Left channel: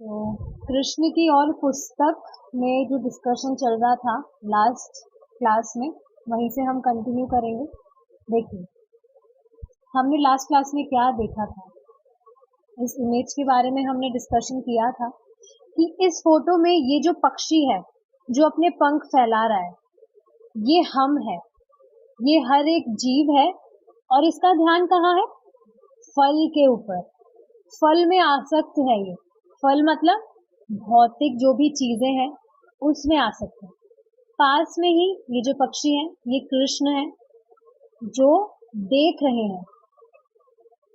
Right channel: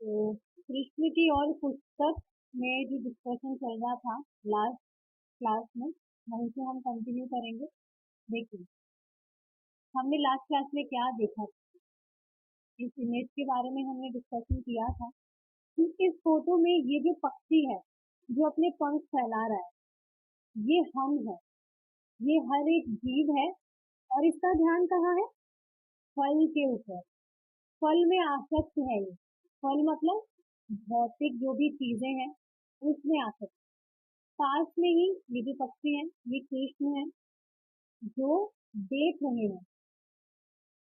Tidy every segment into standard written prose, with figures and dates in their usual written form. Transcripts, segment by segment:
तो कृष्ण की और पुस्तक में जो डिस्कशन चल रहा था लास्ट क्लास में, वहीं से हम कंटिन्यू करेंगे। देखिए, हमने लास्ट क्लास में क्या देखा था, इस इमेज के बारे में हमने डिस्कशन किया था कि इस फोटो में ये जो पक्षी है जो अपने पंख फैला रहा है, ये हम है, ये हर एक जीव है। और इसका ध्यान कहाँ है? फल के ऊपर। फल में आसक्त है ये। फल मतलब भौतिक जो भी चीजें हैं उसमें आसक्त है। पास में ही ये जो पक्षी है ये कृष्ण है जो देख रहे हैं।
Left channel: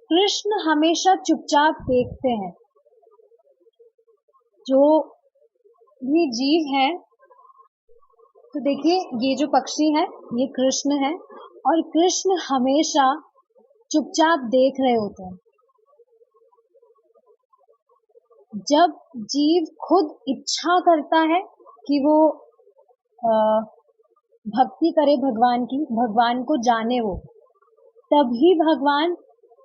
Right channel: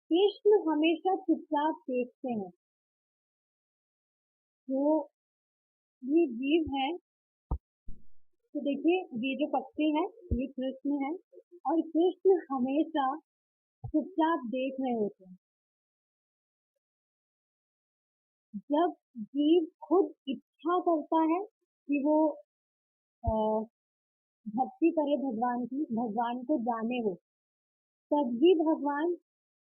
कृष्ण हमेशा चुपचाप देखते हैं। जो भी जीव है, तो देखिए ये जो पक्षी है ये कृष्ण है और कृष्ण हमेशा चुपचाप देख रहे होते हैं। जब जीव खुद इच्छा करता है कि वो भक्ति करे भगवान की, भगवान को जाने वो, तभी भगवान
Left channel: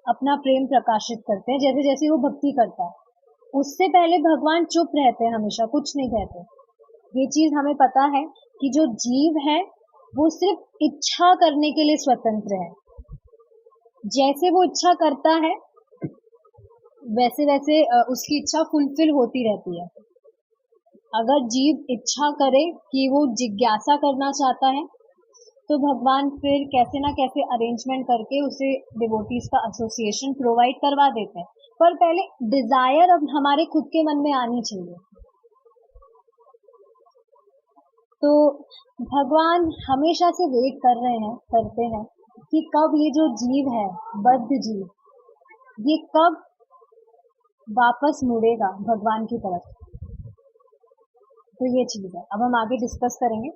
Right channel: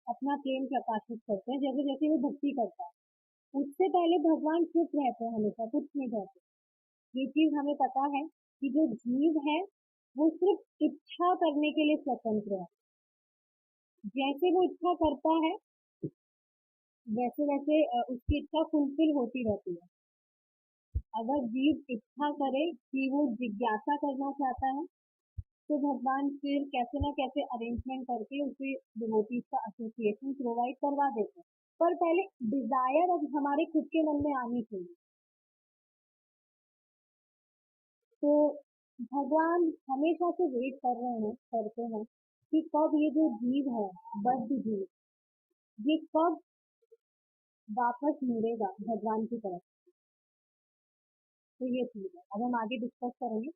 अपना प्रेम प्रकाशित करते हैं। जैसे जैसे वो भक्ति करता है, उससे पहले भगवान चुप रहते हैं, हमेशा कुछ नहीं कहते। ये चीज हमें पता है कि जो जीव है वो सिर्फ इच्छा करने के लिए स्वतंत्र है। जैसे वो इच्छा करता है वैसे वैसे उसकी इच्छा फुलफिल होती रहती है। अगर जीव इच्छा करे कि वो जिज्ञासा करना चाहता है तो भगवान फिर कैसे ना कैसे अरेंजमेंट करके उसे डिवोटीज का एसोसिएशन प्रोवाइड करवा देते हैं। पर पहले डिजायर अब हमारे खुद के मन में आनी चाहिए। तो भगवान हमेशा से वेट करते हैं कि कब ये जो जीव है, बद्ध जीव, ये कब वापस मुड़ेगा भगवान की तरफ। तो ये चीज है, अब हम आगे डिस्कस करेंगे।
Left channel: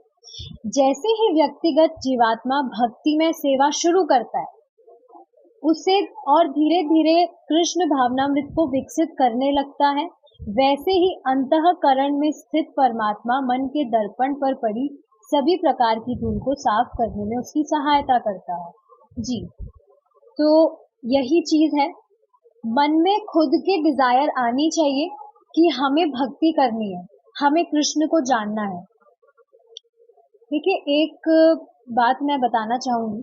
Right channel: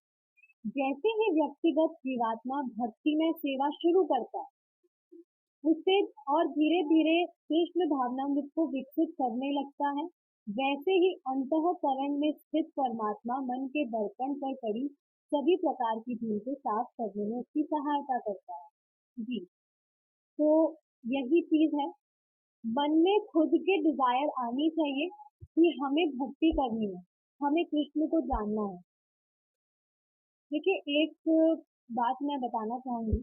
जैसे ही व्यक्तिगत जीवात्मा भक्ति में सेवा शुरू करता है, उसे और धीरे धीरे कृष्ण भावनामृत को विकसित करने लगता है। वैसे ही अंतःकरण में स्थित परमात्मा मन के दर्पण पर पड़ी सभी प्रकार की धूल को साफ करने में उसकी सहायता करता है। जी, तो यही चीज है, मन में खुद के डिजायर आनी चाहिए कि हमें भक्ति करनी है, हमें कृष्ण को जानना है। देखिए, एक बात मैं बताना चाहूंगी,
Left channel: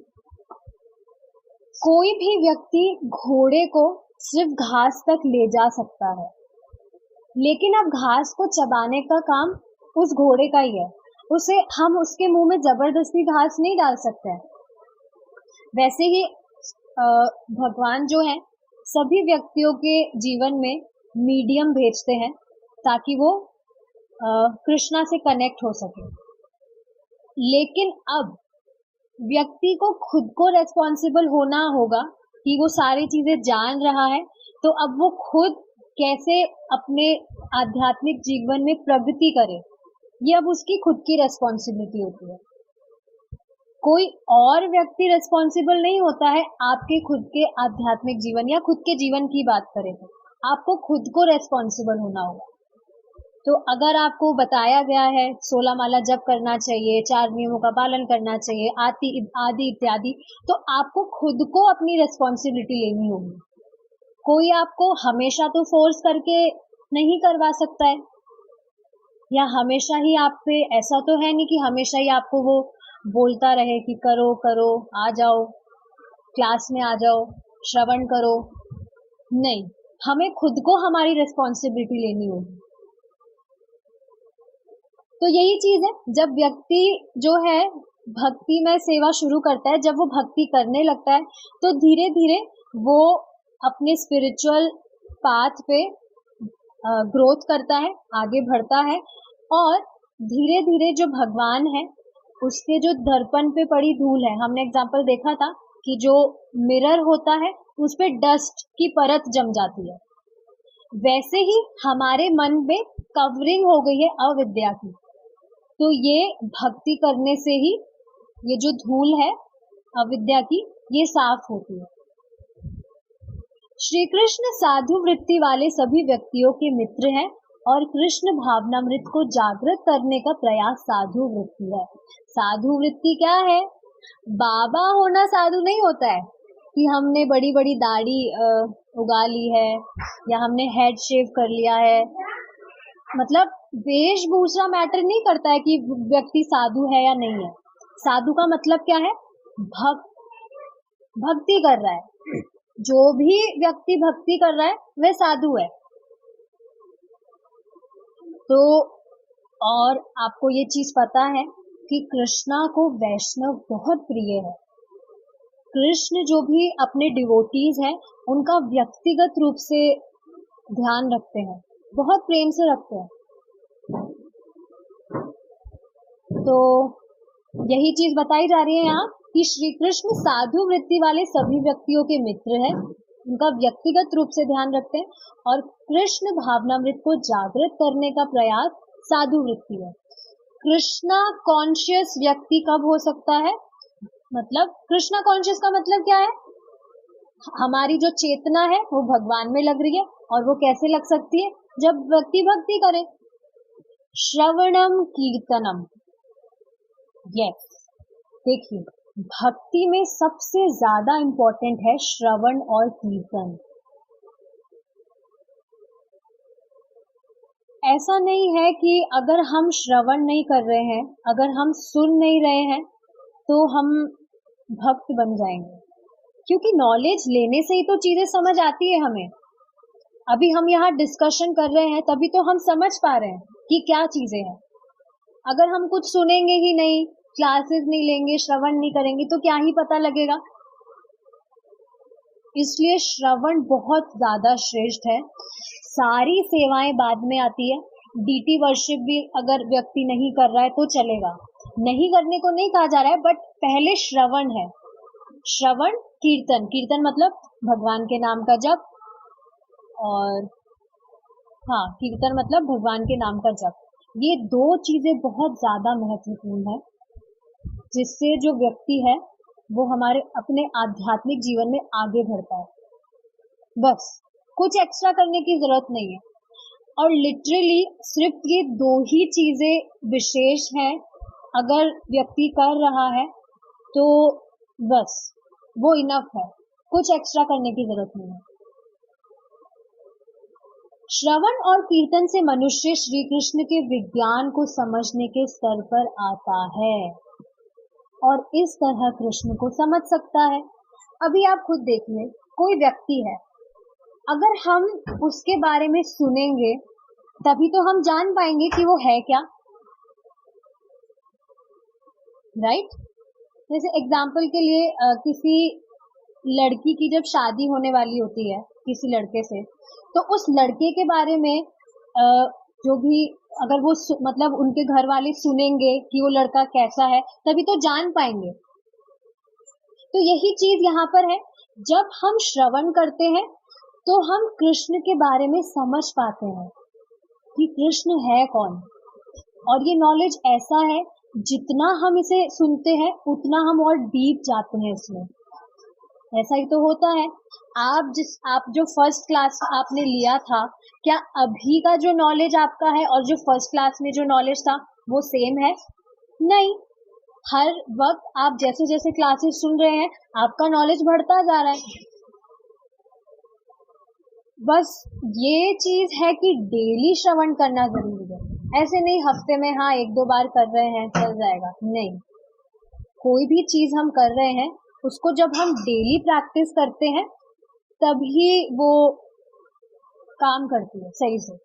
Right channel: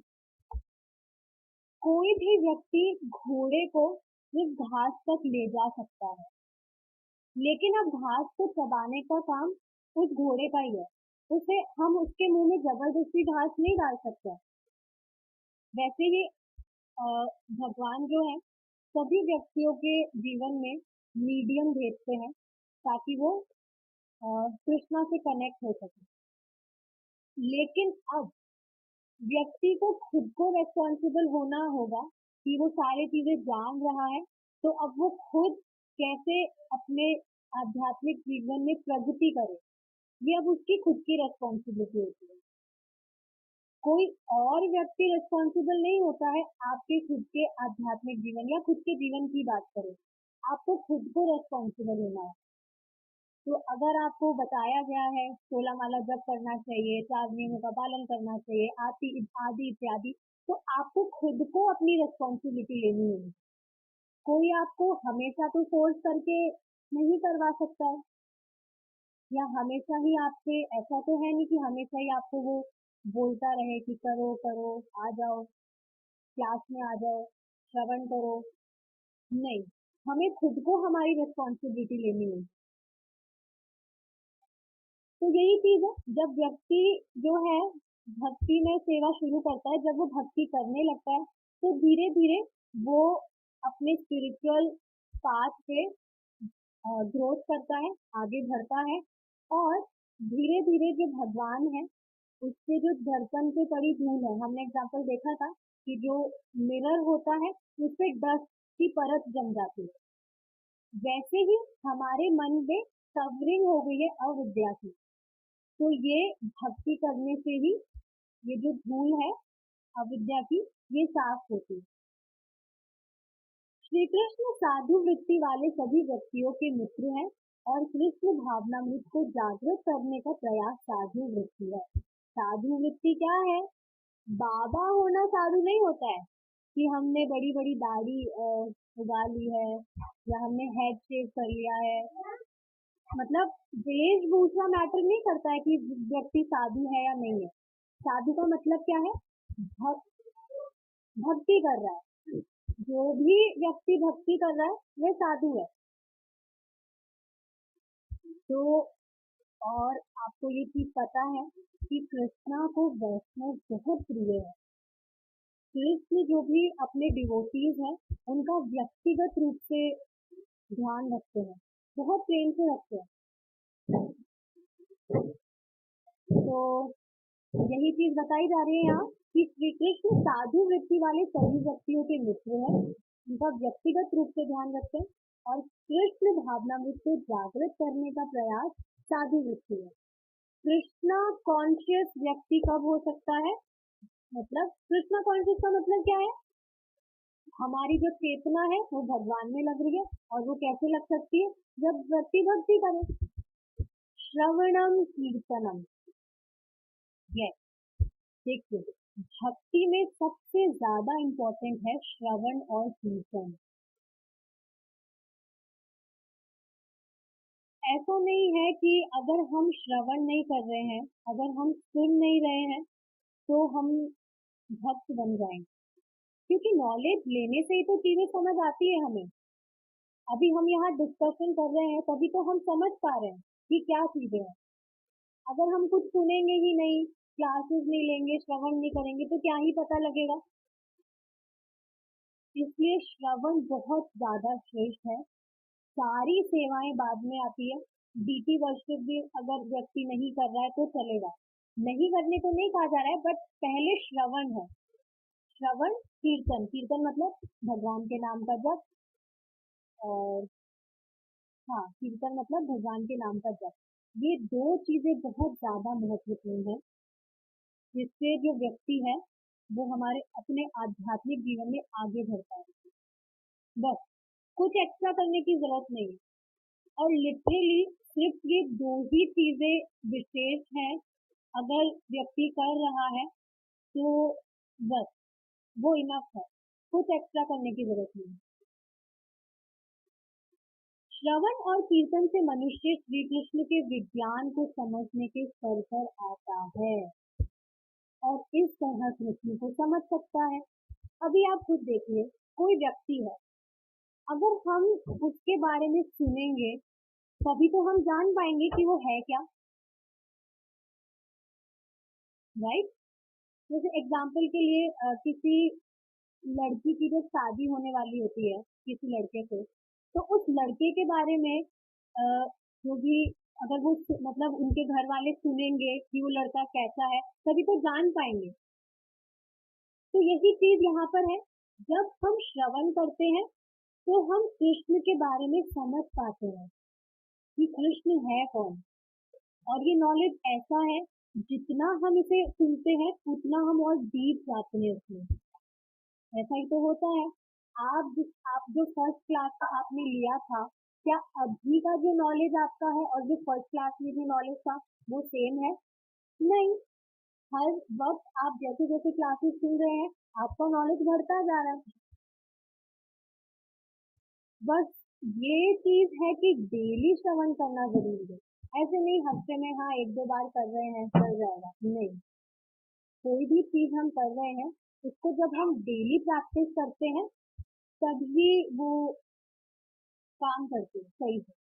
कोई भी व्यक्ति घोड़े को सिर्फ घास तक ले जा सकता है, लेकिन अब घास को चबाने का काम उस घोड़े का ही है। हम उसके मुंह में जबरदस्ती घास नहीं डाल सकते हैं। वैसे ही भगवान जो है सभी व्यक्तियों के जीवन में मीडियम भेजते हैं ताकि वो कृष्णा से कनेक्ट हो सके। लेकिन अब व्यक्ति को खुद को रेस्पॉन्सिबल होना होगा कि वो सारी चीजें जान रहा है, तो अब वो खुद कैसे अपने आध्यात्मिक जीवन में प्रगति करे, ये अब उसकी खुद की रेस्पॉन्सिबिलिटी होती है। कोई और व्यक्ति रेस्पॉन्सिबल नहीं होता है आपके खुद के आध्यात्मिक जीवन या खुद के जीवन की बात करें तो आपको खुद को रेस्पॉन्सिबल होना होगा। तो अगर आपको बताया गया है 16 माला जप करना चाहिए, 4 नियमों का पालन करना चाहिए, आदि इत्यादि, तो आपको खुद को अपनी रेस्पॉन्सिबिलिटी लेनी होगी। कोई आपको हमेशा तो फोर्स करके नहीं करवा सकता है, या हमेशा ही आप पे ऐसा तो है नहीं कि हमेशा ही आपको वो बोलता रहे कि करो करो, आ जाओ क्लास में, आ जाओ श्रवण करो। नहीं, हमें खुद को हमारी रेस्पॉन्सिबिलिटी लेनी होगी। तो यही चीज है, जब व्यक्ति जो है भक्ति में सेवा शुरू करता है, जब वो भक्ति करने लगता है, तो धीरे धीरे वो अपने स्पिरिचुअल पाथ पे ग्रोथ करता है, आगे बढ़ता है। और धीरे धीरे जो भगवान है उसके जो दर्पण पे पड़ी धूल है, हमने एग्जाम्पल देखा था कि जो मिरर होता है उस पे डस्ट की परत जम जाती है, वैसे ही हमारे मन में कवरिंग हो गई है अविद्या की। तो ये भक्ति करने से ही ये जो धूल है अविद्या की, ये साफ होती है। श्री कृष्ण साधु वृत्ति वाले सभी व्यक्तियों के मित्र हैं और कृष्ण भावनामृत को जागृत करने का प्रयास साधु वृत्ति है। साधु वृत्ति क्या है? बाबा होना साधु नहीं होता है कि हमने बड़ी बड़ी दाढ़ी उगा ली है या हमने हेड शेव कर लिया है मतलब वेशभूषा मैटर नहीं करता है कि व्यक्ति साधु है या नहीं है। साधु का मतलब क्या है? भक्ति कर रहा है। जो भी व्यक्ति भक्ति कर रहा है वह साधु है। तो और आपको ये चीज पता है कि कृष्णा को वैष्णव बहुत प्रिय है। कृष्ण जो भी अपने डिवोटीज हैं उनका व्यक्तिगत रूप से ध्यान रखते हैं, बहुत प्रेम से रखते हैं। तो यही चीज बताई जा रही है यहाँ कि श्री कृष्ण साधु वृत्ति वाले सभी व्यक्तियों के मित्र हैं, उनका व्यक्तिगत रूप से ध्यान रखते हैं और कृष्ण भावनामृत को जागृत करने का प्रयास साधु वृत्ति है। कृष्णा कॉन्शियस व्यक्ति कब हो सकता है? मतलब कृष्णा कॉन्शियस का मतलब क्या है? हमारी जो चेतना है वो भगवान में लग रही है, और वो कैसे लग सकती है? जब व्यक्ति भक्ति करे। श्रवणम कीर्तनम, यस, देखिए भक्ति में सबसे ज्यादा इंपॉर्टेंट है श्रवण और कीर्तन। ऐसा नहीं है कि अगर हम श्रवण नहीं कर रहे हैं, अगर हम सुन नहीं रहे हैं तो हम भक्त बन जाएंगे, क्योंकि नॉलेज लेने से ही तो चीजें समझ आती है हमें। अभी हम यहाँ डिस्कशन कर रहे हैं तभी तो हम समझ पा रहे हैं कि क्या चीजें हैं। अगर हम कुछ सुनेंगे ही नहीं, क्लासेस नहीं लेंगे, श्रवण नहीं करेंगे तो क्या ही पता लगेगा। इसलिए श्रवण बहुत ज्यादा श्रेष्ठ है। सारी सेवाएं बाद में आती है। डीटी वर्शिप भी अगर व्यक्ति नहीं कर रहा है तो चलेगा, नहीं करने को नहीं कहा जा रहा है, बट पहले श्रवण है। श्रवण, कीर्तन, कीर्तन मतलब भगवान के नाम का जप, और हाँ, कीर्तन मतलब भगवान के नाम का जप। ये दो चीजें बहुत ज्यादा महत्वपूर्ण है, जिससे जो व्यक्ति है वो हमारे अपने आध्यात्मिक जीवन में आगे बढ़ता है। बस कुछ एक्स्ट्रा करने की जरूरत नहीं है। और लिटरली सिर्फ ये दो ही चीजें विशेष हैं, अगर व्यक्ति कर रहा है तो बस वो इनफ है, कुछ एक्स्ट्रा करने की जरूरत नहीं है। श्रवण और कीर्तन से मनुष्य श्री कृष्ण के विज्ञान को समझने के स्तर पर आता है और इस तरह कृष्ण को समझ सकता है। अभी आप खुद देखिए, कोई व्यक्ति है, अगर हम उसके बारे में सुनेंगे तभी तो हम जान पाएंगे कि वो है क्या, राइट? जैसे एग्जाम्पल के लिए किसी लड़की की जब शादी होने वाली होती है किसी लड़के से, तो उस लड़के के बारे में जो भी अगर वो मतलब उनके घर वाले सुनेंगे कि वो लड़का कैसा है, तभी तो जान पाएंगे। तो यही चीज यहाँ पर है, जब हम श्रवण करते हैं तो हम कृष्ण के बारे में समझ पाते हैं कि कृष्ण है कौन। और ये नॉलेज ऐसा है, जितना हम इसे सुनते हैं उतना हम और डीप जाते हैं इसमें। ऐसा ही तो होता है। आप जो फर्स्ट क्लास आपने लिया था, क्या अभी का जो नॉलेज आपका है और जो फर्स्ट क्लास में जो नॉलेज था वो सेम है? नहीं। हर वक्त आप जैसे जैसे क्लासेस सुन रहे हैं आपका नॉलेज बढ़ता जा रहा है। बस ये चीज है कि डेली श्रवण करना जरूरी है। ऐसे नहीं हफ्ते में हाँ 1-2 बार कर रहे हैं चल जाएगा, नहीं। कोई भी चीज हम कर रहे हैं उसको जब हम डेली प्रैक्टिस करते हैं तभी वो काम करती है सही से।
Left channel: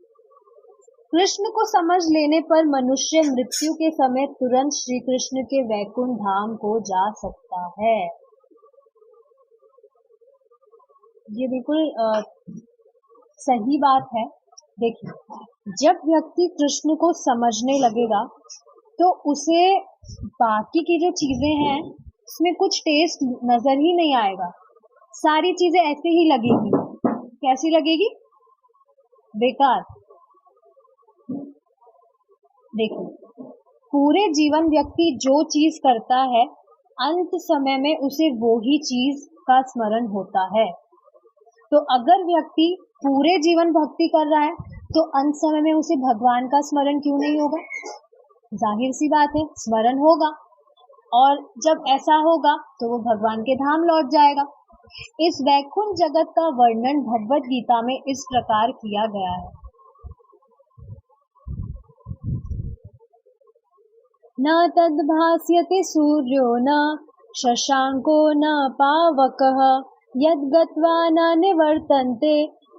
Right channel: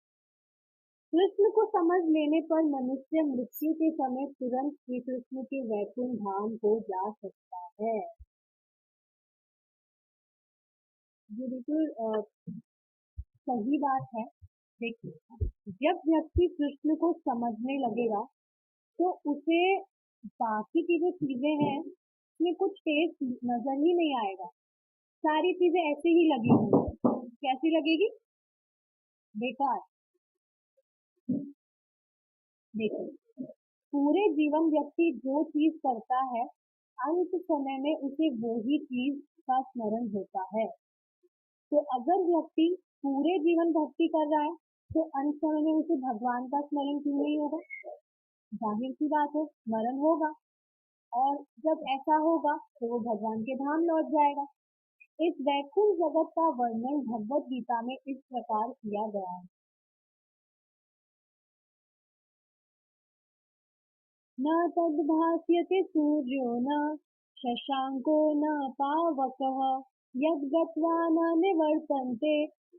कृष्ण को समझ लेने पर मनुष्य मृत्यु के समय तुरंत श्री कृष्ण के वैकुंठ धाम को जा सकता है। ये बिल्कुल सही बात है। देखिए, जब व्यक्ति कृष्ण को समझने लगेगा तो उसे बाकी की जो चीजें हैं उसमें कुछ टेस्ट नजर ही नहीं आएगा। सारी चीजें ऐसे ही लगेगी। कैसी लगेगी? बेकार। देखो, पूरे जीवन व्यक्ति जो चीज करता है अंत समय में उसे वो ही चीज का स्मरण होता है। तो अगर व्यक्ति पूरे जीवन भक्ति कर रहा है तो अंत समय में उसे भगवान का स्मरण क्यों नहीं होगा? जाहिर सी बात है, स्मरण होगा। और जब ऐसा होगा तो वो भगवान के धाम लौट जाएगा। इस वैकुंठ जगत का वर्णन भगवत गीता में इस प्रकार किया गया है। न तद्भास्यते सूर्यो न शशांको न पावकः यद्गत्वा न निवर्तन्ते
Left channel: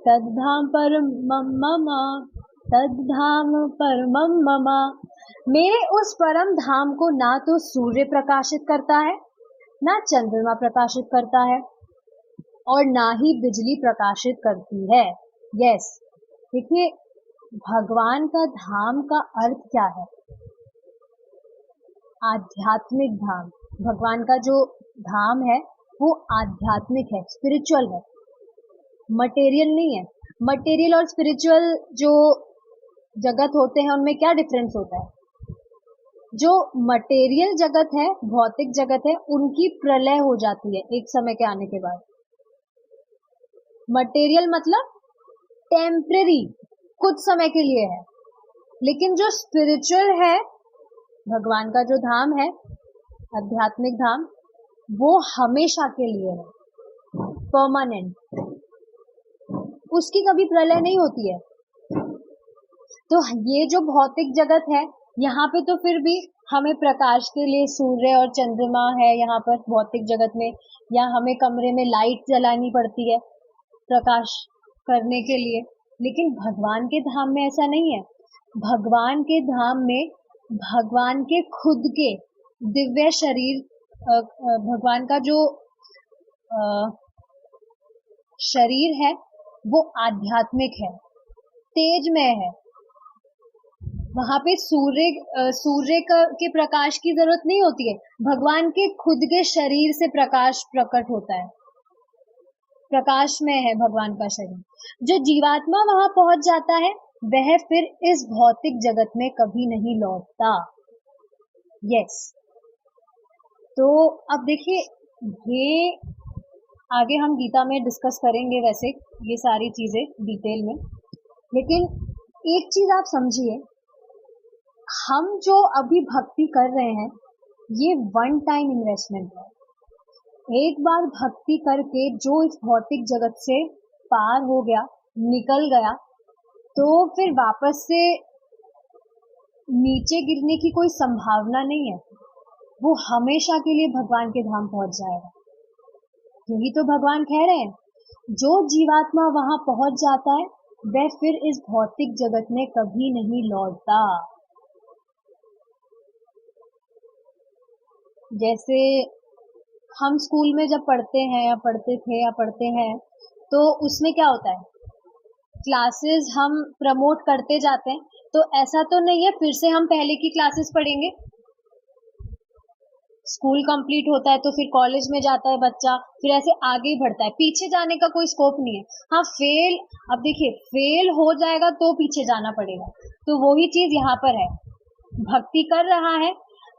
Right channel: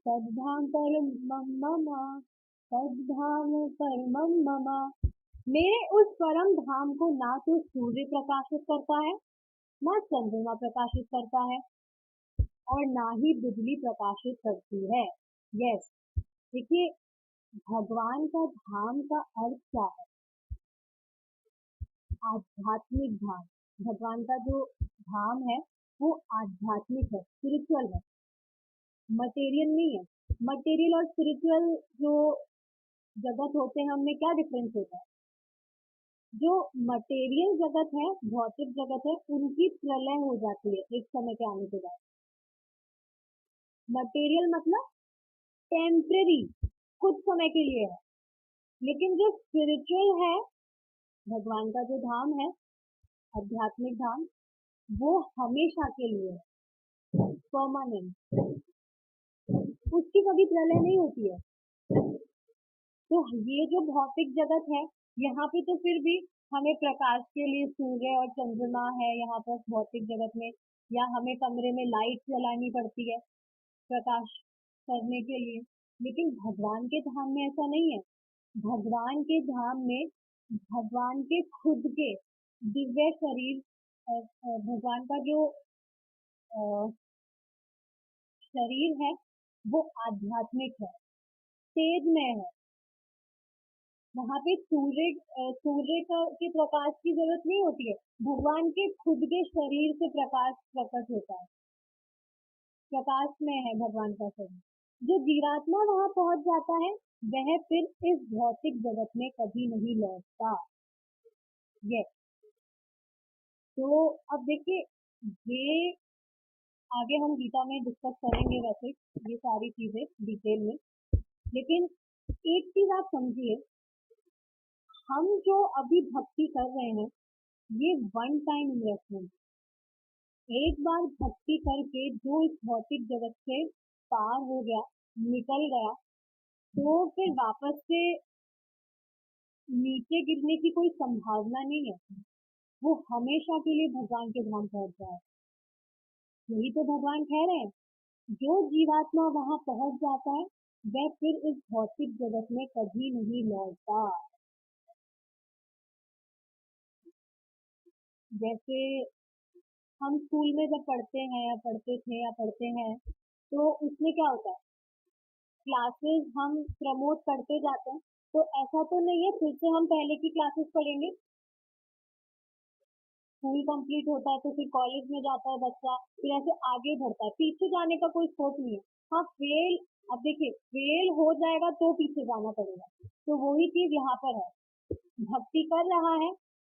तद्धाम परमं मम तद्धाम परमं मम। मेरे उस परम धाम को ना तो सूर्य प्रकाशित करता है, ना चंद्रमा प्रकाशित करता है, और ना ही बिजली प्रकाशित करती है। यस, देखिए भगवान का धाम का अर्थ क्या है? आध्यात्मिक धाम। भगवान का जो धाम है वो आध्यात्मिक है, स्पिरिचुअल है, मटेरियल नहीं है। मटेरियल और स्पिरिचुअल जो जगत होते हैं उनमें क्या डिफरेंस होता है? जो मटेरियल जगत है, भौतिक जगत है, उनकी प्रलय हो जाती है एक समय के आने के बाद। मटेरियल मतलब टेम्परेरी, कुछ समय के लिए है, लेकिन जो स्पिरिचुअल है, भगवान का जो धाम है, आध्यात्मिक धाम, वो हमेशा के लिए है, परमानेंट, उसकी कभी प्रलय नहीं होती है। तो ये जो भौतिक जगत है, यहाँ पे तो फिर भी हमें प्रकाश के लिए सूर्य और चंद्रमा है यहाँ पर भौतिक जगत में, या हमें कमरे में लाइट जलानी पड़ती है प्रकाश करने के लिए। लेकिन भगवान के धाम में ऐसा नहीं है। भगवान के धाम में भगवान के खुद के दिव्य शरीर, भगवान का जो शरीर है वो आध्यात्मिक है, तेजमय है। वहां पे सूर्य के प्रकाश की जरूरत नहीं होती है। भगवान के खुद के शरीर से प्रकाश प्रकट होता है, प्रकाश में है भगवान का शरीर। जो जीवात्मा वहां पहुंच जाता है वह फिर इस भौतिक जगत में कभी नहीं लौटता। यस, तो अब देखिए, ये आगे हम गीता में डिस्कस करेंगे वैसे ये सारी चीजें डिटेल में, लेकिन एक चीज आप समझिए, हम जो अभी भक्ति कर रहे हैं ये वन टाइम इन्वेस्टमेंट है। एक बार भक्ति करके जो इस भौतिक जगत से पार हो गया, निकल गया, तो फिर वापस से नीचे गिरने की कोई संभावना नहीं है। वो हमेशा के लिए भगवान के धाम पहुंच जाएगा। यही तो भगवान कह रहे हैं, जो जीवात्मा वहां पहुंच जाता है वह फिर इस भौतिक जगत में कभी नहीं लौटता। जैसे हम स्कूल में जब पढ़ते हैं या पढ़ते थे या पढ़ते हैं, तो उसमें क्या होता है, क्लासेस हम प्रमोट करते जाते हैं। तो ऐसा तो नहीं है फिर से हम पहले की क्लासेस पढ़ेंगे। स्कूल कंप्लीट होता है तो फिर कॉलेज में जाता है बच्चा, फिर ऐसे आगे ही बढ़ता है, पीछे जाने का कोई स्कोप नहीं है। हाँ फेल, अब देखिए फेल हो जाएगा तो पीछे जाना पड़ेगा। तो वही चीज यहाँ पर है, भक्ति कर रहा है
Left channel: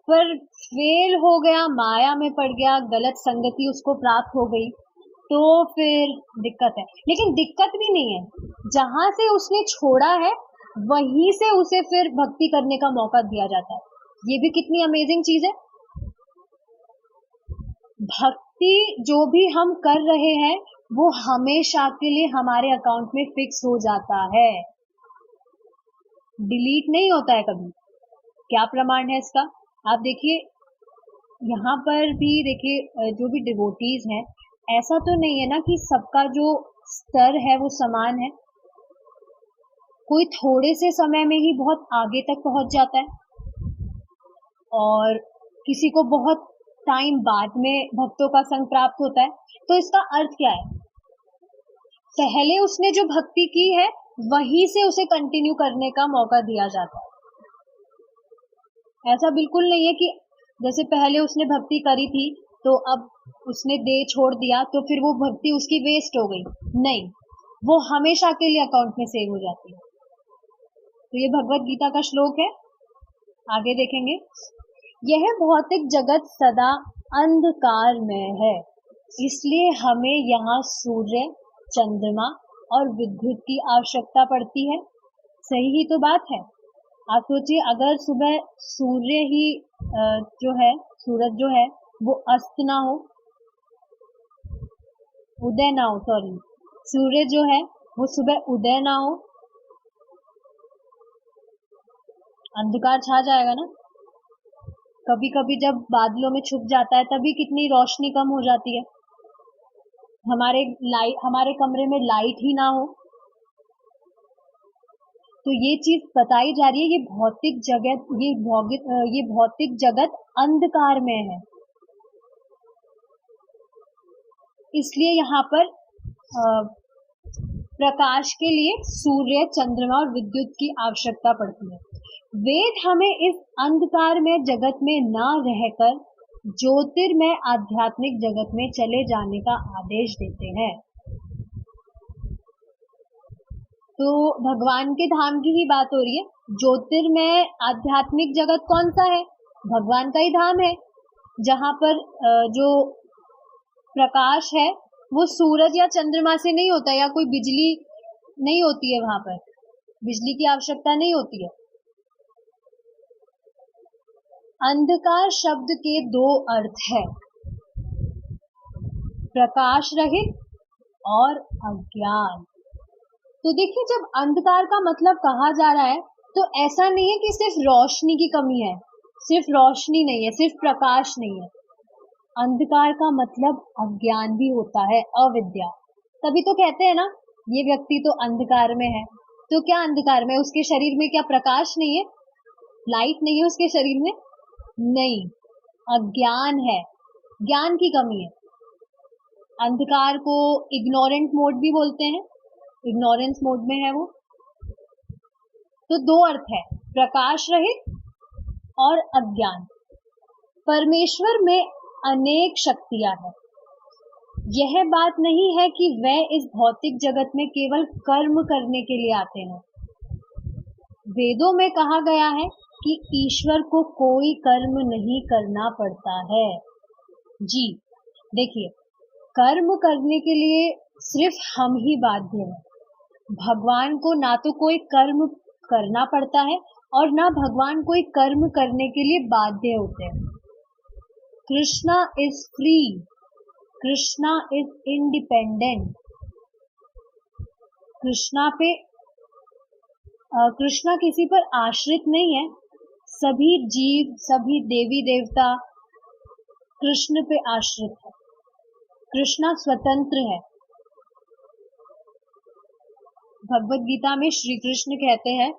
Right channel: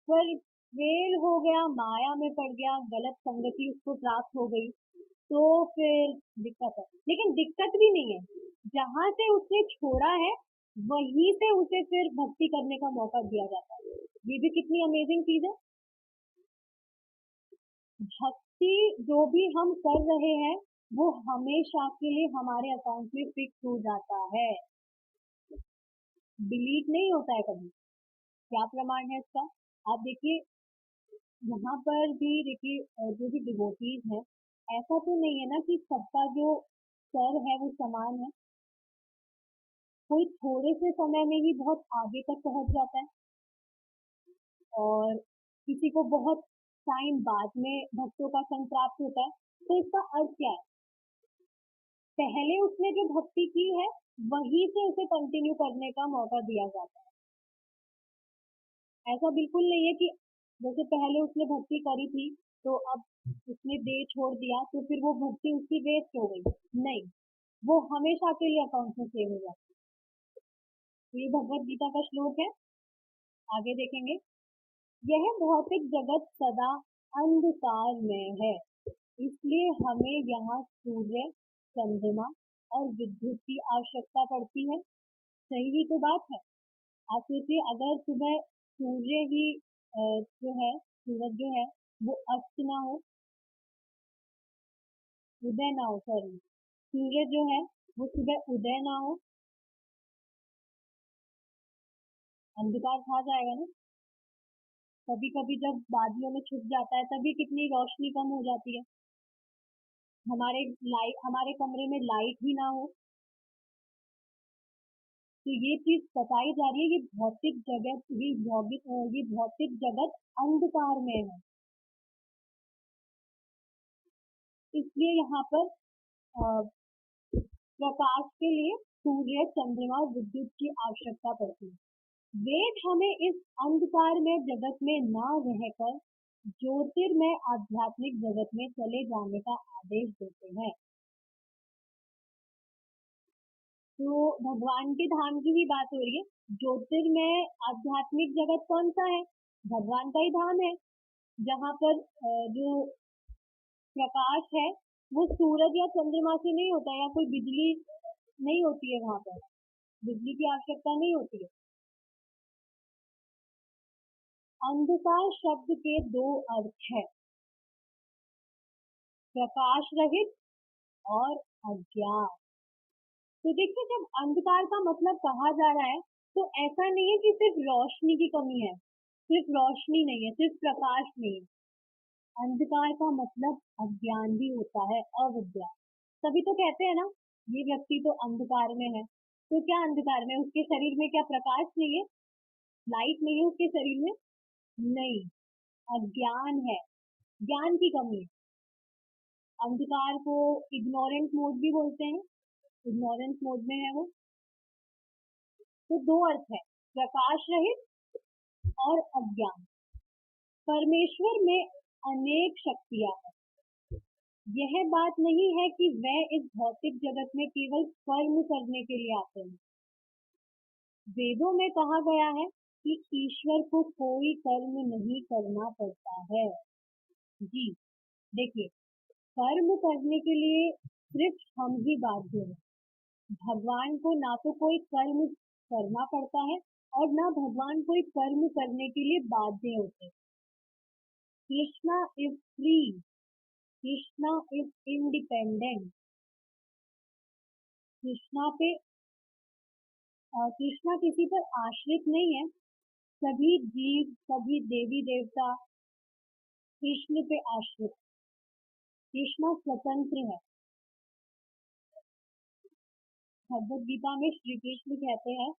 पर फेल हो गया, माया में पड़ गया, गलत संगति उसको प्राप्त हो गई, तो फिर दिक्कत है। लेकिन दिक्कत भी नहीं है, जहां से उसने छोड़ा है वहीं से उसे फिर भक्ति करने का मौका दिया जाता है। ये भी कितनी अमेजिंग चीज है। भक्ति जो भी हम कर रहे हैं वो हमेशा के लिए हमारे अकाउंट में फिक्स हो जाता है, डिलीट नहीं होता है कभी। क्या प्रमाण है इसका? आप देखिए, यहाँ पर भी देखिए, जो भी डिवोटीज हैं, ऐसा तो नहीं है ना कि सबका जो स्तर है वो समान है। कोई थोड़े से समय में ही बहुत आगे तक पहुंच जाता है और किसी को बहुत टाइम बाद में भक्तों का संग प्राप्त होता है। तो इसका अर्थ क्या है? पहले उसने जो भक्ति की है वहीं से उसे कंटिन्यू करने का मौका दिया जाता है। ऐसा बिल्कुल नहीं है कि जैसे पहले उसने भक्ति करी थी तो अब उसने दे छोड़ दिया तो फिर वो भक्ति उसकी वेस्ट हो गई। नहीं, वो हमेशा के लिए अकाउंट में सेव हो जाती है। तो ये भगवत गीता का श्लोक है, आगे देखेंगे। यह भौतिक जगत सदा अंधकार में है, इसलिए हमें यहाँ सूर्य, चंद्रमा और विद्युत की आवश्यकता पड़ती है। सही ही तो बात है। आप सोचिए, अगर सुबह सूर्य ही जो है, सूरज जो है वो अस्त ना हो, उदय ना हो, सॉरी, सूर्य जो है वो सुबह उदय ना हो, अंधकार छा जाएगा ना। कभी कभी जब बादलों में छुप जाता है तभी कितनी रोशनी कम हो जाती है, हमारे कमरे में लाइट ही ना हो। तो ये चीज बताई जा रही है, ये भौतिक जगत अंधकार में है। इसलिए यहाँ पर प्रकाश के लिए सूर्य, चंद्रमा और विद्युत की आवश्यकता पड़ती है। वेद हमें इस अंधकार में जगत में न रहकर ज्योतिर्मय आध्यात्मिक जगत में चले जाने का आदेश देते हैं। तो भगवान के धाम की ही बात हो रही है। ज्योतिर्मय आध्यात्मिक जगत कौन सा है? भगवान का ही धाम है, जहाँ पर जो प्रकाश है वो सूरज या चंद्रमा से नहीं होता, या कोई बिजली नहीं होती है, वहां पर बिजली की आवश्यकता नहीं होती है। अंधकार शब्द के दो अर्थ है, प्रकाश रहित और अज्ञान। तो देखिए, जब अंधकार का मतलब कहा जा रहा है तो ऐसा नहीं है कि सिर्फ रोशनी की कमी है, सिर्फ रोशनी नहीं है, सिर्फ प्रकाश नहीं है। अंधकार का मतलब अज्ञान भी होता है, अविद्या। तभी तो कहते हैं ना, ये व्यक्ति तो अंधकार में है। तो क्या अंधकार में? उसके शरीर में क्या प्रकाश नहीं है? लाइट नहीं है उसके शरीर में? नहीं, अज्ञान है, ज्ञान की कमी है। अंधकार को इग्नोरेंट मोड भी बोलते हैं, इग्नोरेंस मोड में है वो। तो दो अर्थ है, प्रकाश रहित और अज्ञान। परमेश्वर में अनेक शक्तियां हैं। यह बात नहीं है कि वह इस भौतिक जगत में केवल कर्म करने के लिए आते हैं। वेदों में कहा गया है कि ईश्वर को कोई कर्म नहीं करना पड़ता है। जी देखिए, कर्म करने के लिए सिर्फ हम ही बाध्य हैं। भगवान को ना तो कोई कर्म करना पड़ता है और ना भगवान कोई कर्म करने के लिए बाध्य होते हैं। Krishna is free, Krishna is independent. Krishna किसी पर आश्रित नहीं है। सभी जीव, सभी देवी देवता कृष्ण पे आश्रित है। कृष्णा स्वतंत्र है। भगवत गीता में श्री कृष्ण कहते हैं,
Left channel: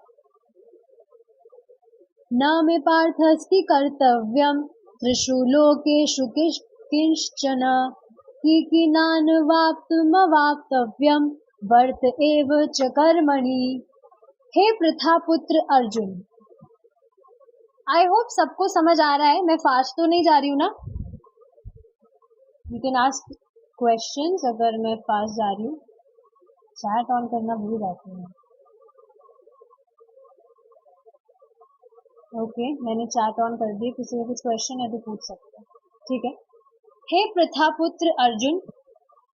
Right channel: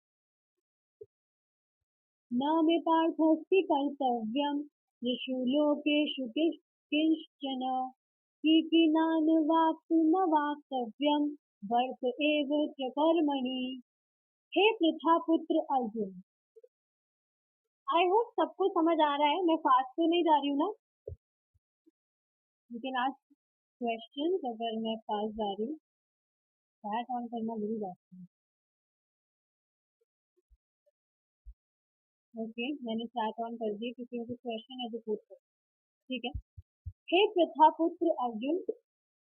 न मे पार्थस्ति कर्तव्यम त्रिषु लोकेषु किंचन कीनानवाप्तमवाप्तव्यम वर्त एव च कर्मणि। हे पृथा पुत्र अर्जुन, आई होप सबको समझ आ रहा है, मैं फास्ट तो नहीं जा रही हूँ ना? यू कैन आस्क क्वेश्चंस अगर मैं फास्ट जा रही हूँ। चैट ऑन करना भूल जाती हूँ। ओके, मैंने चैट ऑन कर दी, किसी को कुछ क्वेश्चन है तो पूछ सकते हैं, ठीक है। हे प्रथापुत्र अर्जुन,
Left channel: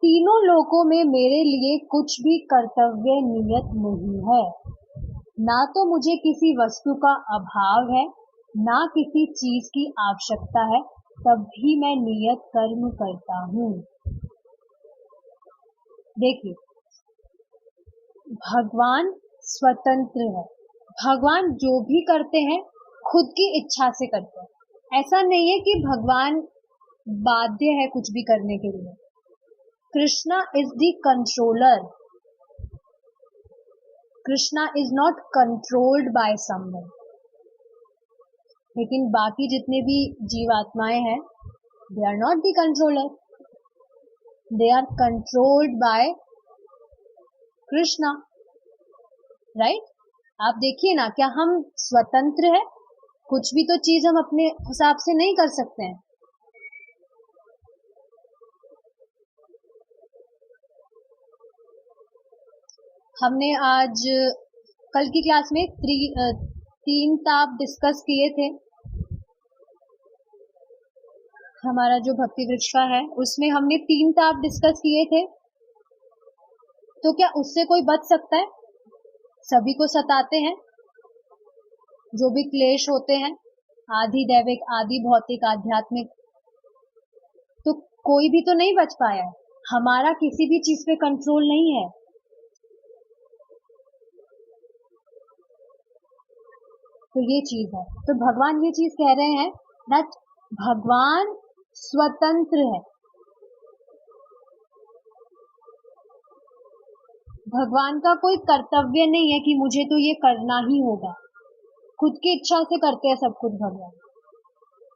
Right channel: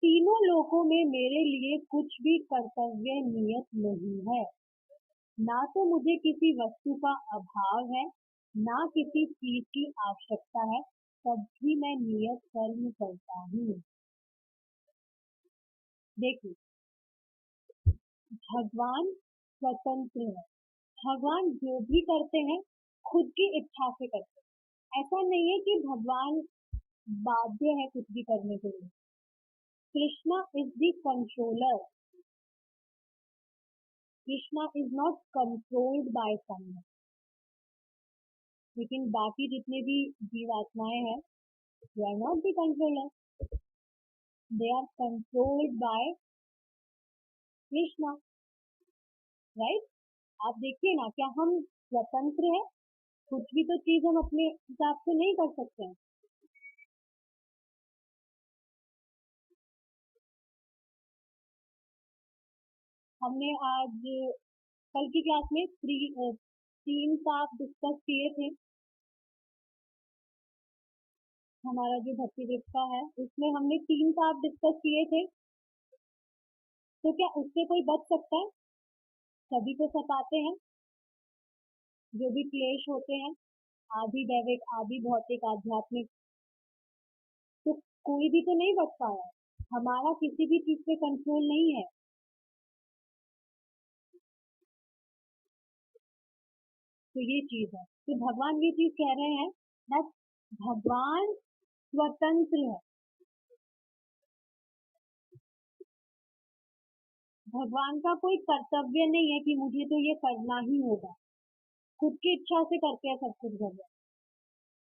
तीनों लोकों में मेरे लिए कुछ भी कर्तव्य नियत नहीं है। ना तो मुझे किसी वस्तु का अभाव है, ना किसी चीज की आवश्यकता है, तब भी मैं नियत कर्म करता हूँ। देखिए, भगवान स्वतंत्र है। भगवान जो भी करते हैं खुद की इच्छा से करते हैं। ऐसा नहीं है कि भगवान बाध्य है कुछ भी करने के लिए। Krishna is the controller. Krishna is not controlled by someone. लेकिन बाकी जितने भी जीवात्माएं हैं, they are not the controller, they are controlled by Krishna, right? आप देखिए ना, क्या हम स्वतंत्र है? कुछ भी तो चीज हम अपने हिसाब से नहीं कर सकते हैं। हमने आज कल की क्लास में 3 ताप डिस्कस किए थे। हमारा जो भक्ति वृक्ष का है उसमें हमने 3 ताप डिस्कस किए थे। तो क्या उससे कोई बच सकता है? सभी को सताते हैं जो भी क्लेश होते हैं, आदि दैविक, आदि भौतिक, आध्यात्मिक। तो कोई भी तो नहीं बच पाया है। हमारा किसी भी चीज पे कंट्रोल नहीं है। तो ये चीज है। तो भगवान ये चीज कह रहे हैं, दैट भगवान स्वतंत्र है। भगवान का कोई कर्तव्य नहीं है कि मुझे तो ये करना ही होगा। खुद की इच्छा से करते हैं सब कुछ भगवान।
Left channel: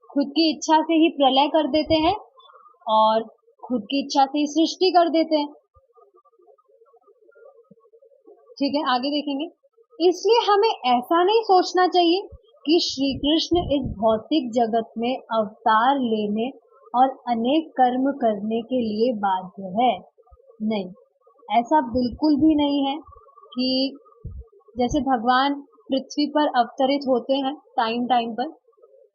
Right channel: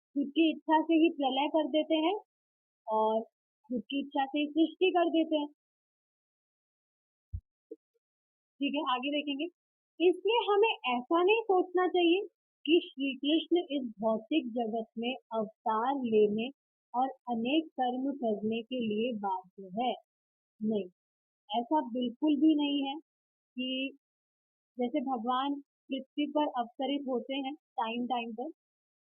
खुद की इच्छा से ही प्रलय कर देते हैं और खुद की इच्छा से ही सृष्टि कर देते हैं। ठीक है, आगे देखेंगे। इसलिए हमें ऐसा नहीं सोचना चाहिए कि श्री कृष्ण इस भौतिक जगत में अवतार लेने और अनेक कर्म करने के लिए बाध्य है। नहीं, ऐसा बिल्कुल भी नहीं है कि जैसे भगवान पृथ्वी पर अवतरित होते हैं टाइम टाइम पर,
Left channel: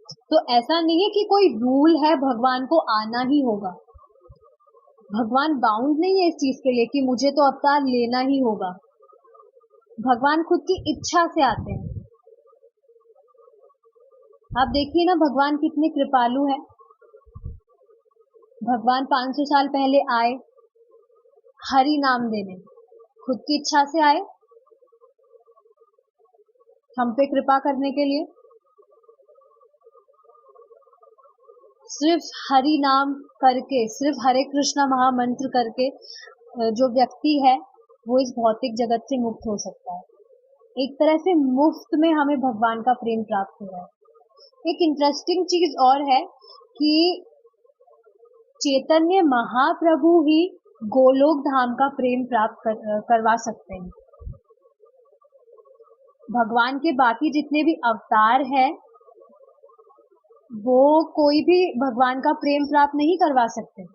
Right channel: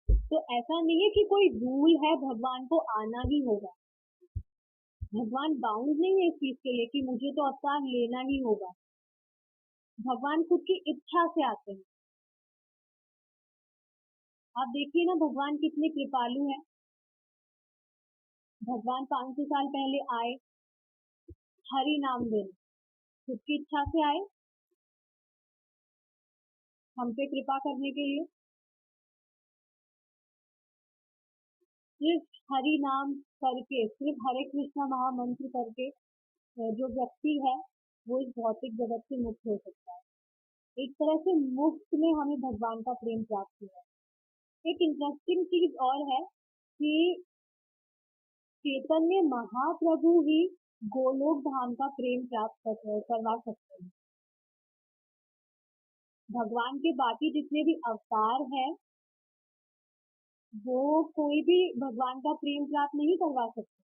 तो ऐसा नहीं है कि कोई रूल है भगवान को आना ही होगा। भगवान बाउंड नहीं है इस चीज के लिए कि मुझे तो अवतार लेना ही होगा। भगवान खुद की इच्छा से आते हैं। आप देखिए ना, भगवान कितने कृपालु हैं। भगवान 500 साल पहले आए हरि नाम देने, खुद की इच्छा से आए हम पे कृपा करने के लिए। सिर्फ हरि नाम करके, सिर्फ हरे कृष्णा महामंत्र करके जो व्यक्ति है वो इस भौतिक जगत से मुक्त हो सकता है। एक तरह से मुफ्त में हमें भगवान का प्रेम प्राप्त हो रहा है। एक इंटरेस्टिंग चीज और है कि चैतन्य महाप्रभु ही गोलोक धाम का प्रेम प्राप्त करवा सकते हैं। भगवान के बाकी जितने भी अवतार हैं वो कोई भी भगवान का प्रेम प्राप्त नहीं करवा सकते।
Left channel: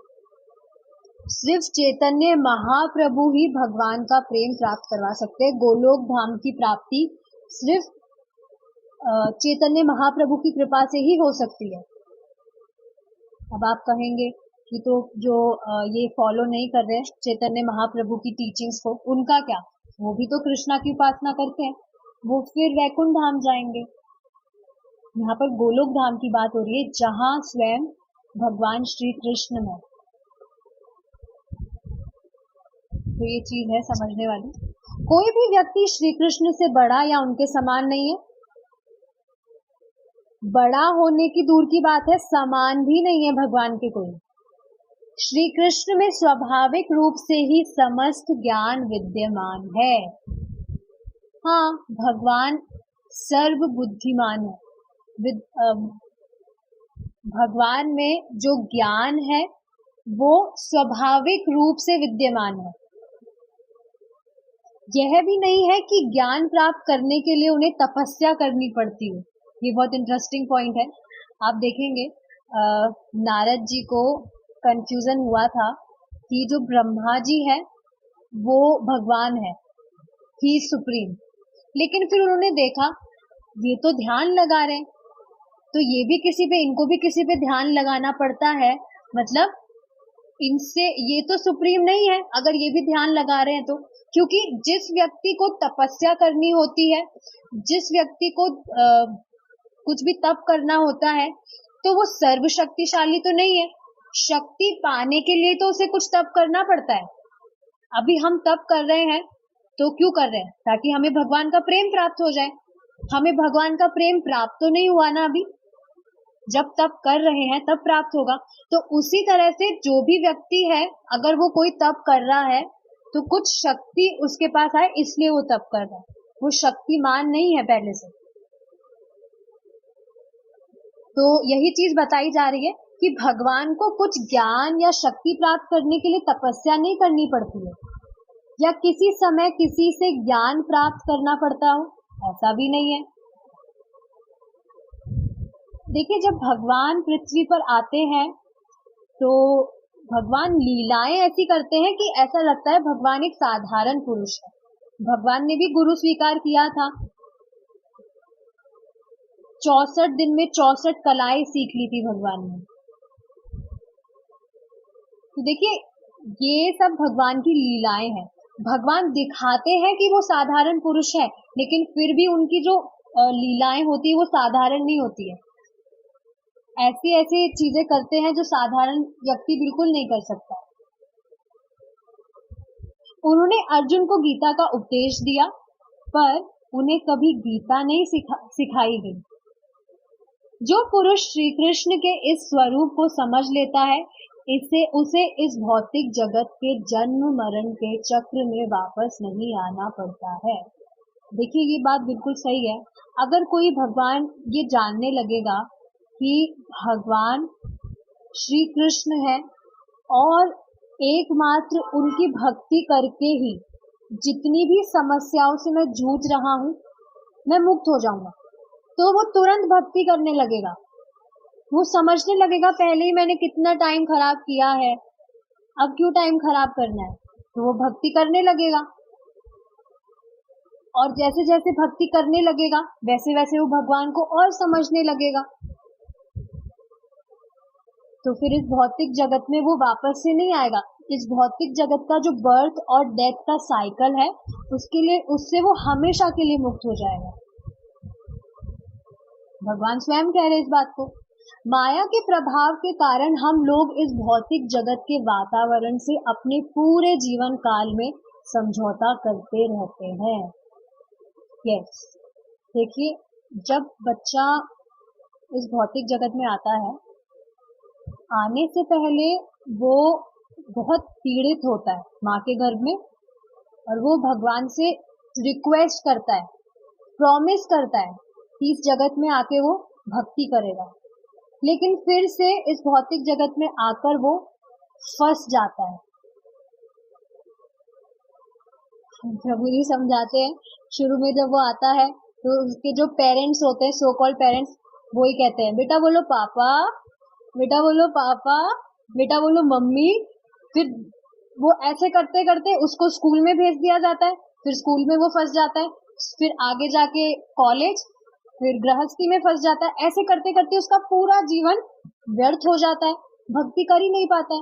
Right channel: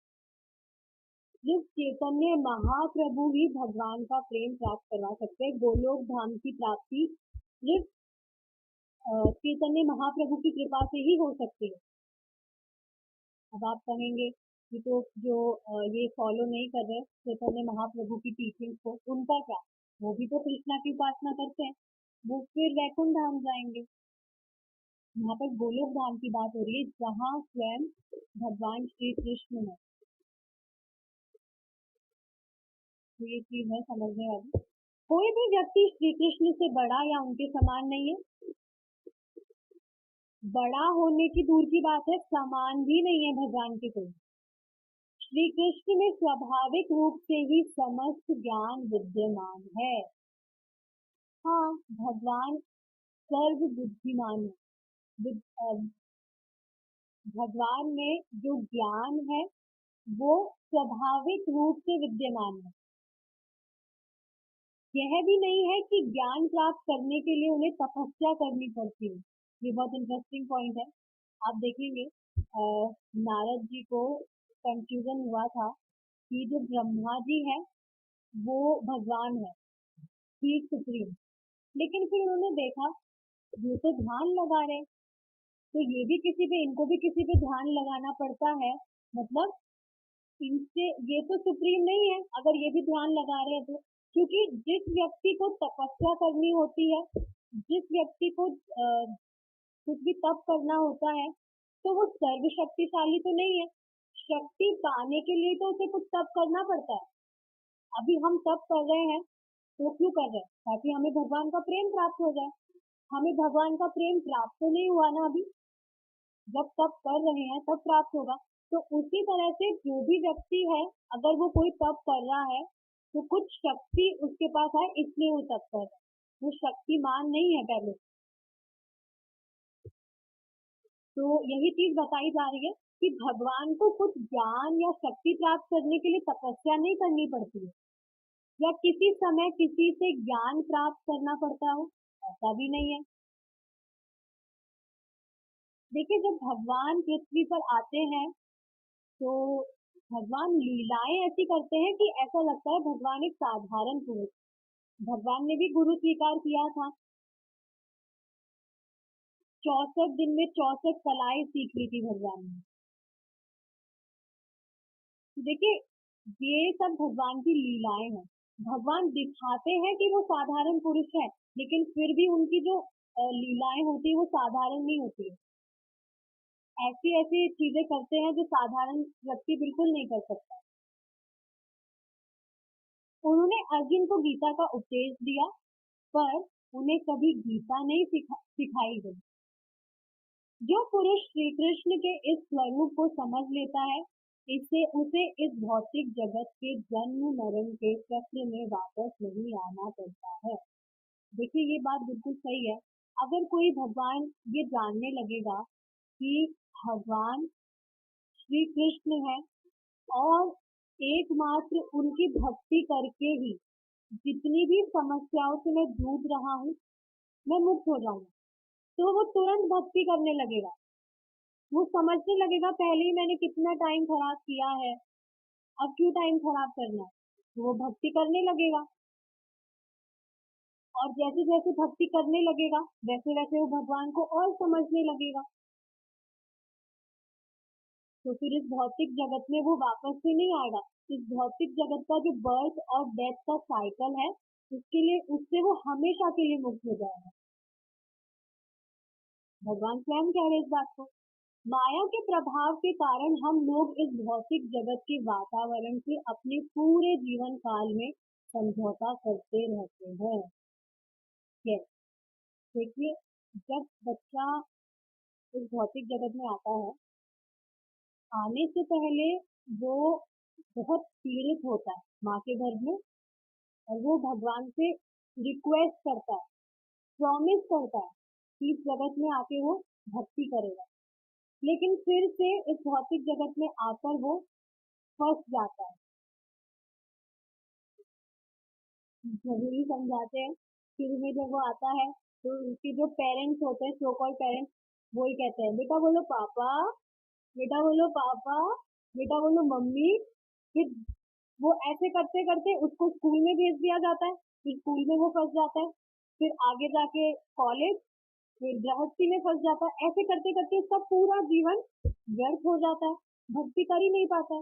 सिर्फ चैतन्य महाप्रभु ही भगवान का प्रेम प्राप्त करवा सकते हैं। गोलोक धाम की प्राप्ति सिर्फ चैतन्य महाप्रभु की कृपा से ही हो सकती है। अब आप कहेंगे कि तो जो ये फॉलो नहीं कर रहे चैतन्य महाप्रभु की टीचिंग्स को, उनका क्या? वो भी तो कृष्णा की उपासना करते हैं, वो फिर वैकुंठ धाम जाएंगे। यहाँ पर गोलोक धाम की बात हो रही है जहाँ स्वयं भगवान श्री कृष्ण है। तो ये चीज है समझने वाली। कोई भी व्यक्ति श्री कृष्ण से बड़ा या उनके समान नहीं है। बड़ा होने की दूर की बात है, समान भी नहीं है भगवान के कोई। श्री कृष्ण में स्वाभाविक रूप से ही समस्त ज्ञान विद्यमान है। हाँ, भगवान सर्व बुद्धिमान है। भगवान में जो ज्ञान है वो स्वाभाविक रूप से विद्यमान है। यह भी नहीं है कि ज्ञान प्राप्त करने के लिए उन्हें तपस्या करनी पड़ती हो। ये बहुत इंटरेस्टिंग पॉइंट है। आप देखेंगे नारद जी को कंफ्यूजन हुआ था कि जो ब्रह्मा जी है वो भगवान है, ही सुप्रीम। लेकिन फिर उन्होंने देखा ये तो ध्यान लगा रहे, तो ये भी किसी पे, इनको भी किसी पे ध्यान लगाना पड़ता है, मतलब इनसे ये तो सुप्रीम नहीं है अगर ये भी ध्यान लगा रहे हैं तो। क्योंकि जिस व्यक्ति को तपस्या करनी होती है, जिस व्यक्ति को कुछ भी तप करना होता है, तो वो सर्वशक्तिशाली तो नहीं है। शक्ति पाने के लिए तो उसे कुछ तप करना पड़ता है। अभी हम तप कर रहे हैं तो क्यों कर रहे हैं? ताकि हमें भगवान का प्रेम प्राप्त हो जाए। हमें भगवान का प्रेम प्राप्त तो नहीं हुआ ना अभी, जब तप कर रहे हैं तब प्राप्त होगा। तो उसी तरह से जो भी व्यक्ति है, अगर वो कोई तप कर रहा है तो कुछ शक्ति उसके पास आए इसलिए वो तप कर रहा है, वो शक्तिमान नहीं है पहले से। तो यही चीज बताई जा रही है कि भगवान को कुछ ज्ञान या शक्ति प्राप्त करने के लिए तपस्या नहीं करनी पड़ती है, या किसी समय किसी से ज्ञान प्राप्त करना पड़ता हो, ऐसा भी नहीं है। देखिए, जब भगवान पृथ्वी पर आते हैं तो भगवान लीलाएं ऐसी करते हैं कि ऐसा लगता है भगवान एक साधारण पुरुष है। भगवान ने भी गुरु स्वीकार किया था। 64 दिन में 64 कलाएं सीख ली थी भगवान ने। तो देखिए, ये सब भगवान की लीलाएं हैं। भगवान दिखाते हैं कि वो साधारण पुरुष है, लेकिन फिर भी उनकी जो लीलाएं होती है वो साधारण नहीं होती है। ऐसी ऐसी चीजें करते हैं जो साधारण व्यक्ति बिल्कुल नहीं कर सकता। उन्होंने अर्जुन को गीता का उपदेश दिया, पर उन्हें कभी गीता नहीं सिखाई गई। जो पुरुष श्री कृष्ण के इस स्वरूप को समझ लेता है, उसे इस भौतिक जगत के जन्म मरण के चक्र में वापस नहीं आना पड़ता है। देखिए ये बात बिल्कुल सही है। अगर कोई भगवान ये जानने लगेगा कि भगवान श्री कृष्ण है और एकमात्र उनकी भक्ति करके ही जितनी भी समस्याओं से मैं जूझ रहा हूँ मैं मुक्त हो जाऊंगा, तो वो तुरंत भक्ति करने लगेगा। वो समझने लगेगा पहले ही मैंने कितना टाइम खराब किया है, अब क्यों टाइम खराब करना है, तो वो भक्ति करने लगेगा। और जैसे जैसे भक्ति करने लगेगा वैसे वैसे वो भगवान को और समझने लगेगा। तो फिर इस भौतिक जगत में वो वापस से नहीं आएगा। इस भौतिक जगत का जो बर्थ और डेथ का साइकिल है उससे वो हमेशा के लिए मुक्त हो जाएगा। भगवान स्वयं कह रहे इस बात को। माया के प्रभाव के कारण हम लोग इस भौतिक जगत के वातावरण से अपने पूरे जीवन काल में समझौता करते रहते हैं। यस, देखिए जब बच्चा इस भौतिक जगत में आता है, आने से पहले वो बहुत पीड़ित होता है माँ के गर्भ में, और वो भगवान से रिक्वेस्ट करता है, प्रॉमिस करता है कि इस जगत में आके वो भक्ति करेगा। लेकिन फिर से इस भौतिक जगत में आकर वो फंस जाता है। प्रभु जी समझाते हैं, शुरू में जब वो आता है तो उसके जो पेरेंट्स होते हैं, सो कॉल्ड पेरेंट्स, वो ही कहते हैं बेटा बोलो पापा, बेटा बोलो पापा, बेटा बोलो मम्मी। फिर वो ऐसे करते करते उसको स्कूल में भेज दिया जाता है, फिर स्कूल में वो फंस जाता है, फिर आगे जाके कॉलेज, फिर गृहस्थी में फंस जाता है। ऐसे करते करते उसका पूरा जीवन व्यर्थ हो जाता है, भक्ति कर ही नहीं पाता है।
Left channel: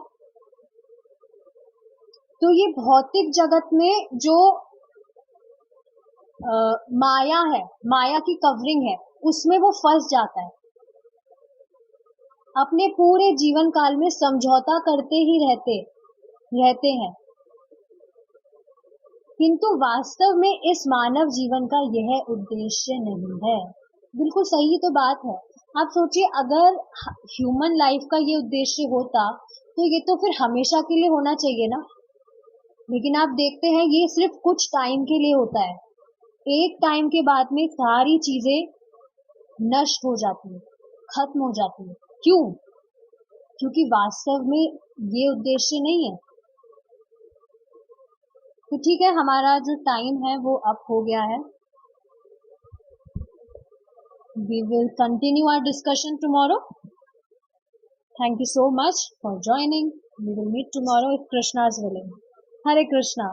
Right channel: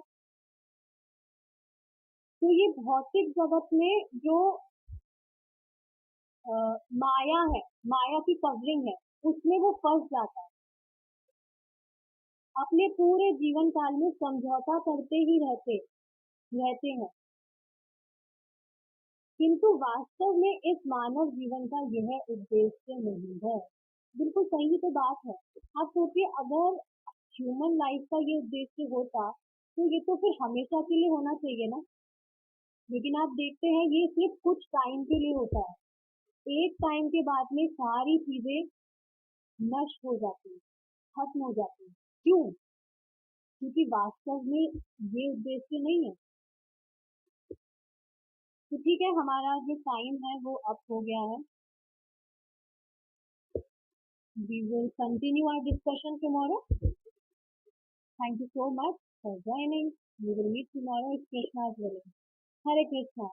तो ये भौतिक जगत में जो माया है, माया की कवरिंग है, उसमें वो फंस जाता है। अपने पूरे जीवन काल में समझौता करते ही रहते हैं। किंतु वास्तव में इस मानव जीवन का यह उद्देश्य नहीं है। बिल्कुल सही तो बात है। आप सोचिए, अगर ह्यूमन लाइफ का ये उद्देश्य होता तो ये तो फिर हमेशा के लिए होना चाहिए ना। लेकिन आप देखते हैं ये सिर्फ कुछ टाइम के लिए होता है। एक टाइम के बाद में सारी चीजें नष्ट हो जाती है, खत्म हो जाती है। क्यों? क्योंकि वास्तव में ये उद्देश्य नहीं है। तो ठीक है, हमारा जो टाइम है वो अब हो गया है। We will continue our discussion tomorrow. Thank you so much for joining. We will meet tomorrow if Krishna is willing. Hare Krishna.